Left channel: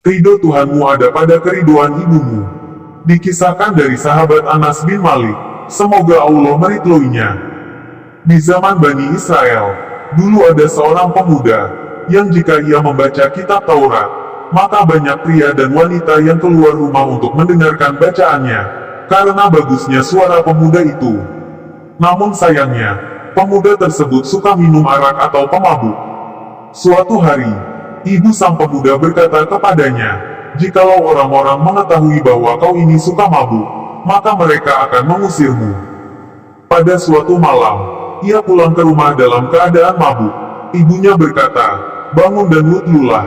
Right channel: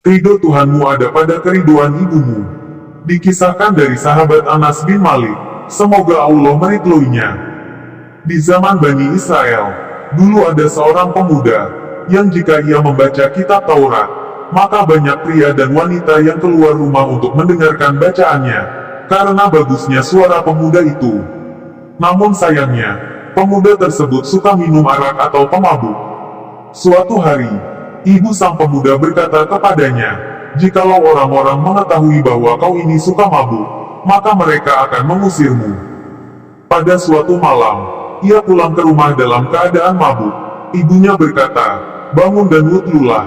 Ridho Tuhanmu ada pada keriduan ibumu. Dikisahkan dari sahabat Anas bin Malik, semoga Allah meridhoinya. Di zaman Bani Israel, dulu ada seorang pemuda, yang jika ia membaca kitab Taurat, maka banyak pria dan wanita yang keluar rumah untuk mendengarkan bacaannya, karena bagusnya suara pemuda itu. Namun sayangnya, pemuda tersebut suka minum arak atau pemabuk. Suatu hari, ibu sang pemuda berkata kepadanya, "Jikalau orang-orang mengetahui bahwa kau ini suka mabuk, maka mereka akan mengusirmu." Pada suatu malam, ia pulang ke rumah dalam keadaan mabuk. Ibunya berkata, "Bangun dan wudhulah."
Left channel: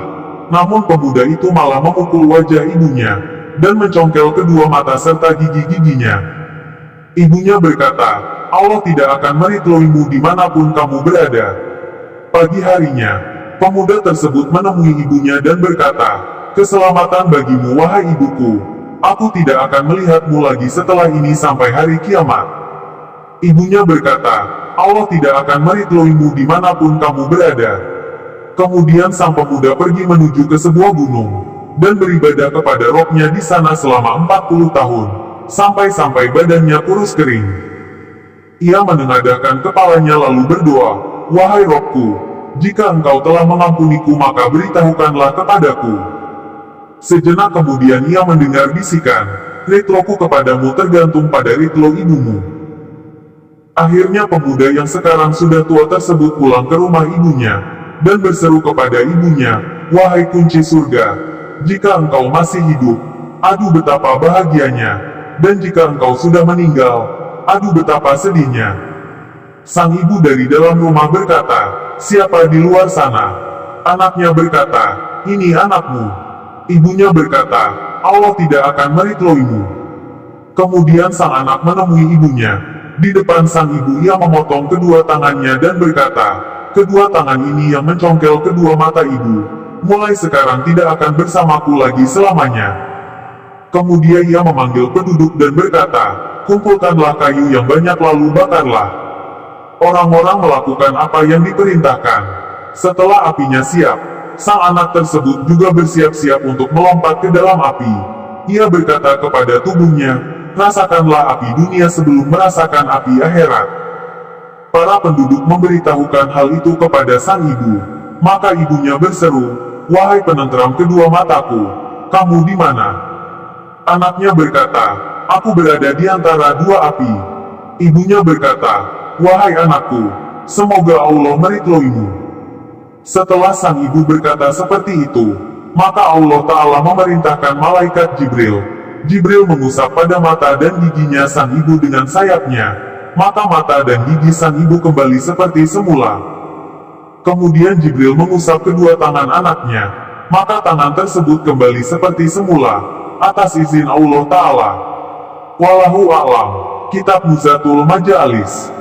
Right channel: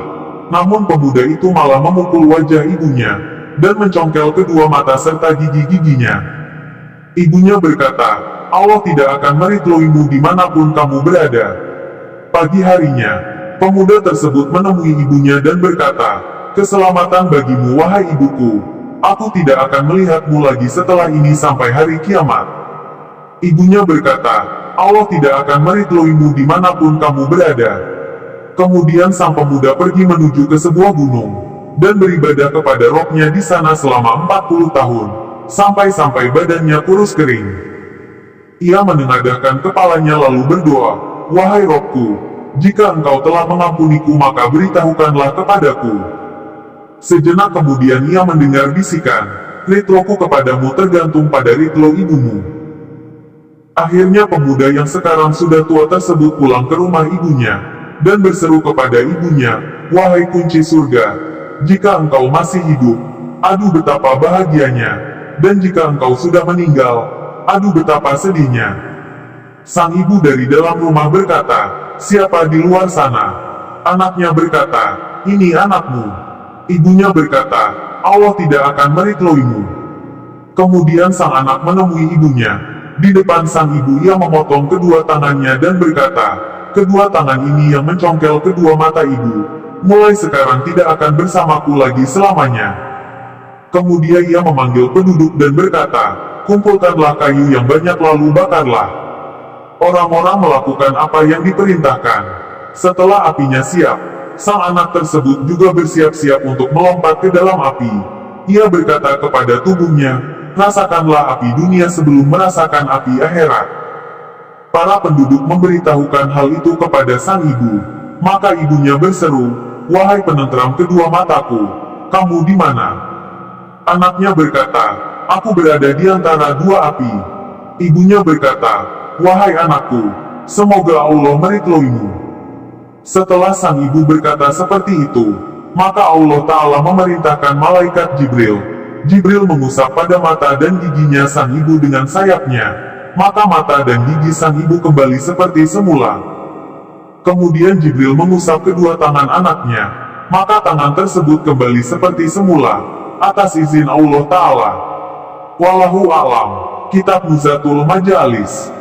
Namun pemuda itu malah memukul wajah ibunya, dan mencongkel kedua mata serta gigi-giginya. Ibunya berkata, "Allah tidak akan meridhoimu dimanapun kamu berada." Pagi harinya, pemuda tersebut menemui ibunya dan berkata, "Keselamatan bagimu wahai ibuku. Aku tidak akan melihatmu lagi setelah ini sampai hari kiamat." Ibunya berkata, "Allah tidak akan meridhoimu dimanapun kamu berada." Kemudian sang pemuda pergi menuju ke sebuah gunung, dan beribadah kepada Robnya di sana selama 40 tahun, sampai-sampai badannya kurus kering. Ia menengadahkan kepalanya lalu berdoa, "Wahai Robku, jika engkau telah mengampuniku maka beritahukanlah kepadaku." Sejenak kemudian ia mendengar bisikan, "Ridhoku kepadamu tergantung pada ridho ibumu." Akhirnya pemuda yang sekarang sudah tua tersebut pulang ke rumah ibunya, dan berseru kepada ibunya, "Wahai kunci surga, jika engkau masih hidup, aduh betapa bahagianya, dan jika engkau sudah meninggal, aduh betapa sedihnya." Sang ibu dari dalam rumah berkata, "Siapa di luar sana?" Anaknya berkata, "Ini anakmu." Ibunya berkata, "Allah tidak akan meridhoimu." Kemudian sang anak menemui ibunya. Di depan sang ibu ia memotong kedua tangannya dan berkata, "Kedua tangan ini yang mencongkel kedua mata ibu, mulai sekarang tidak akan bersamaku lagi selamanya." Kemudian ia memanggil penduduk dan berkata, "Kumpulkanlah kayu yang banyak lalu bakarlah." Orang-orang melakukan apa yang diperintahkan. Setelah apinya siap, sang anak tersebut juga bersiap-siap untuk melompat ke dalam api. Ia berkata kepada tubuhnya, "Rasakanlah api dunia sebelum merasakan api akhirat." Para penduduk memberitahukan hal itu kepada sang ibu. Maka ibunya berseru, "Wahai penenteram kedua mataku, kamu di mana?" Anaknya berkata, "Aku berada di antara dua api." Ibunya berkata, "Wahai anakku, semoga Allah meridhoimu." Setelah sang ibu berkata seperti itu, maka Allah Ta'ala memerintahkan malaikat Jibril. Jibril mengusap pada mata dan giginya sang ibu dengan sayapnya, maka mata dan gigi sang ibu kembali seperti semula. Kemudian Jibril mengusap kedua tangan anaknya, maka tangan tersebut kembali seperti semula, atas izin Allah Ta'ala. Wallahu a'lam. Kitab Nuzatul Majalis.